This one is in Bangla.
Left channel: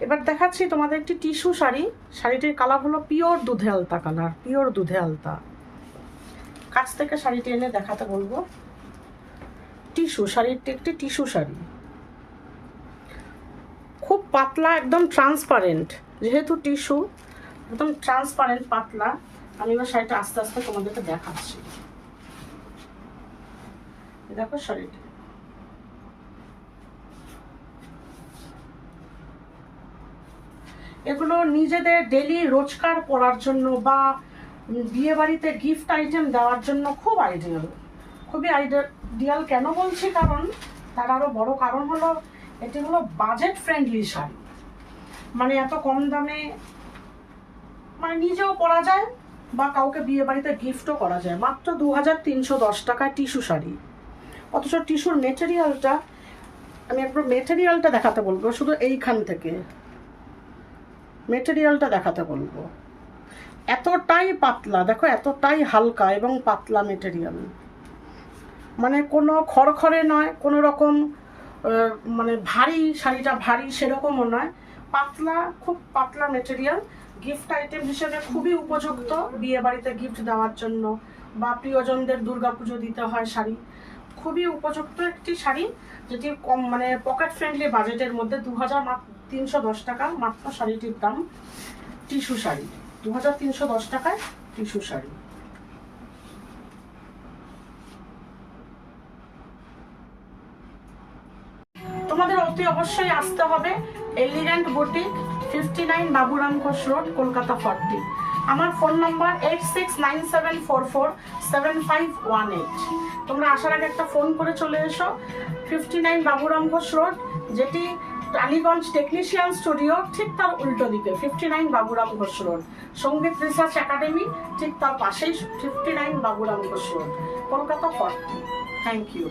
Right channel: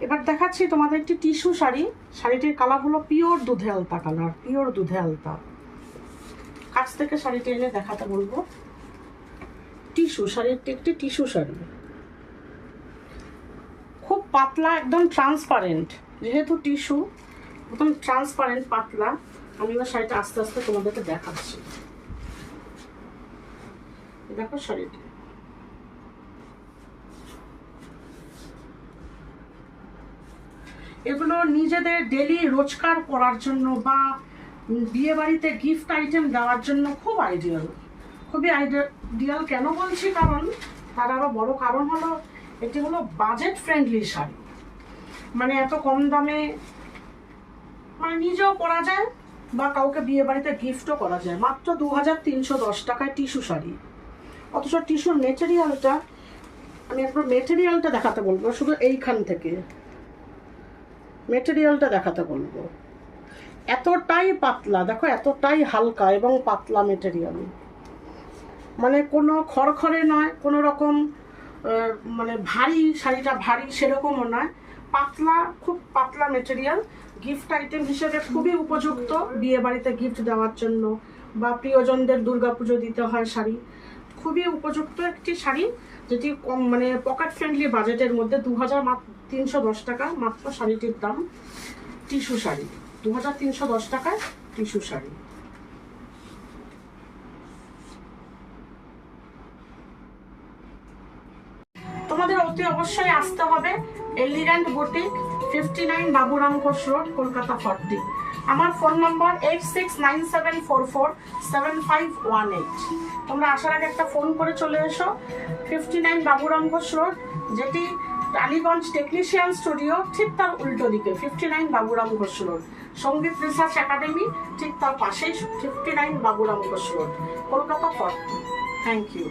এবার দেখাচ্ছি তোমাদের একটি টিস্যু শাড়ি। শাড়িটির কালার হলো পিওর দুধে আলতা কালার, পিওর দুধে আলতা। কাছ থেকে শাড়িটি এনে দেখাতে বলব। টিস্যু শাড়িটি একটি টিস্যু শাড়ি। খুব পাতলা, একদম ট্রান্সপারেন্ট যেহেতু টিস্যু, একদম ট্রান্সপারেন্ট পাতলা। আমি এবার শাড়িটা আস্তে আস্তে তোমাদেরকে দেখাচ্ছি। দেখো শাড়িটি। এগুলো নিজেদের ডেলি রোজকার করার জন্য বা বিয়ে বাড়িতে গিফট আইটেম দেওয়ার জন্য খুব আইডিয়াল খুবই আইডিয়াল কেন বলছি? কারণ তার আরও বড় কারণ হলো, এটি হলো বাজেট ফ্রেন্ডলি শাড়ি। মানে এত কম দামে মানে নিজেও পরা যায় বা কাউকে বিয়ে বাড়িতে গিফটও করা যায়। মাত্র দু হাজার তিনশো দশ টাকায় টিস্যু শাড়ি। অথচ টিস্যুর মেটেরিয়ালটা আমি একটু মেটেরিয়ালটা দেখাতে বলব, শুধু এইখান থেকে। মেটেরিয়ালটা দেখাতে বলব। এতটাই পাতলা, দেখো এতটাই হালকা এবং পাতলা মেটেরিয়াল। মানে কোনো খড়খড়ে নয়, কোনো রকম মানে ভারী, শাড়িটা ভারী সেরকমও নয়। পাতলা, খুব পাতলা মেটেরিয়াল। গিফট আইটেম হিসেবে খুবই উপযুক্ত বিয়ে বাড়িতে গিফট দেওয়ার জন্য বা প্রিয়জনদের দুর্গাপুজো দিতে হয় শাড়ি। খুবই উপযুক্ত একটি শাড়ি যেটি কম মানে পকেট ফ্রেন্ডলি বাজেটের মধ্যে দু হাজার দশ টাকা, মাত্র শাড়িটির দাম টিস্যু শাড়ি। দু হাজার তিনশো দশ টাকায় টিস্যু শাড়ি। তোমাদের অতি অবশ্যই আসতে হবে elegant boutique fifty nine Baburam Ghosh road, Kolkata forty. আমার phone number eight six nine seven four four seven five one eight. তোমরা আসার আগে একটা ফোন করে চলে এসো। Fifty nine Baburam Ghosh road, যেটি টালিগঞ্জ টেকনিশিয়ান স্টুডিও ঠিক তার উল্টো দিকে fifty nine Baburam Ghosh road Sangeet research academy ঠিক তার পাশেই fifty nine Baburam Ghosh road Kolkata for thank you